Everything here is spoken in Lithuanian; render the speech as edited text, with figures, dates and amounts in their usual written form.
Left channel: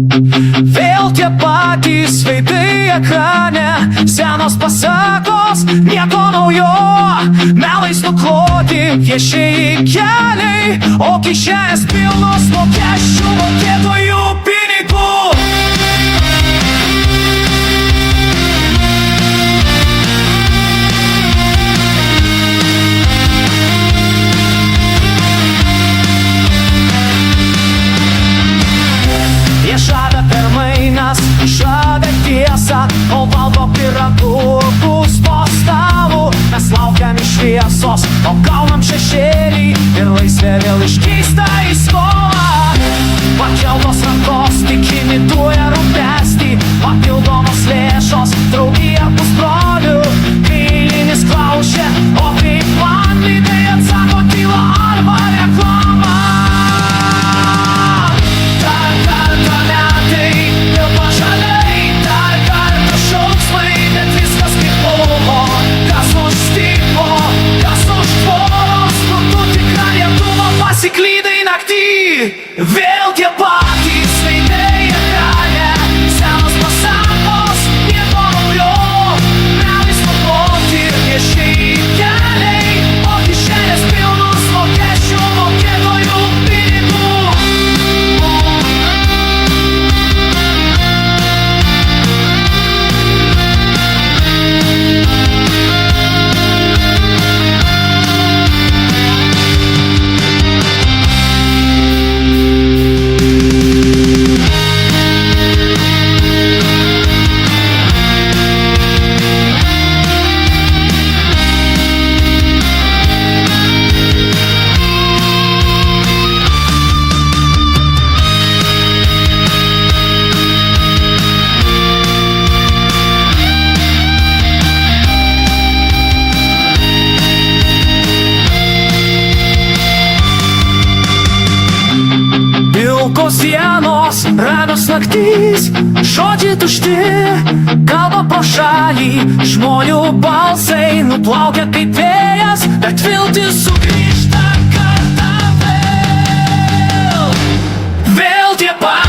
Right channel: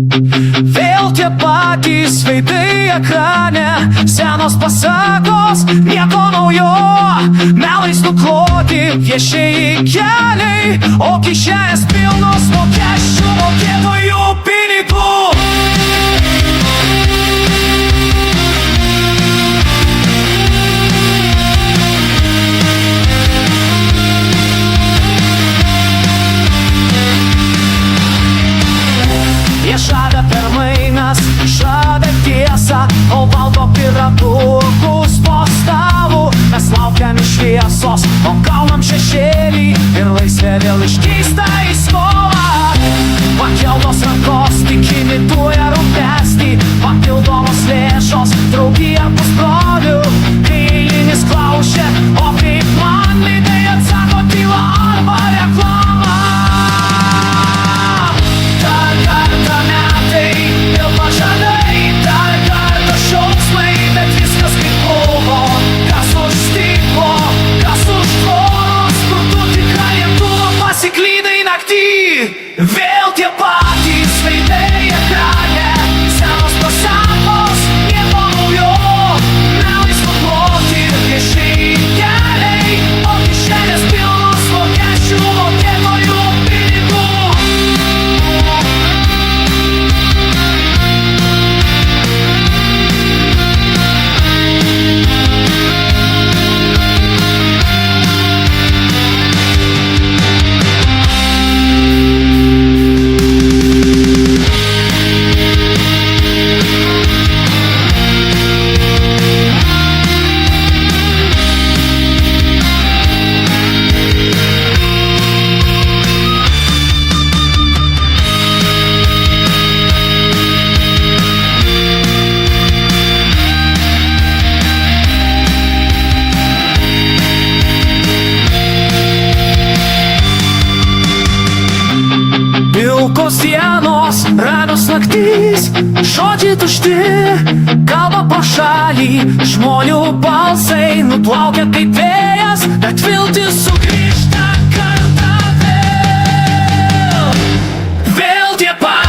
Vėl tie patys veidai ekrane, senos pasakos, nieko naujo. Melais nukloti viešieji keliai, o kišenės pilnos mokesčių mokėtojų pinigų. Jie žada permainas, žada tiesą, o valdo pyragukus po stalu. Mes laukiam iš šviesos, o gaunam šešėlį ir laisvė vėl iškeista į skolą. Pakeltos rankos tik imituoja rūpestį, papildomos lėšos, draugija pusbrolių. Kai eilinis klausia, o kaip man, tai atsako tyla arba reklama. Pasiklydai naktį, vėl tie patys veidai ekrane, senos pasakos, nieko naujo. Melais nukloti viešieji keliai, o kišenės pilnos mokesčių mokėtojų pinigų. Pilkos dienos, ramios naktys, žodžiai tušti, kalba pro šalį, žmonių balsai nuplaukia kaip vėjas, bet viltis sugrįžta kartą vėl. Vėl tie patys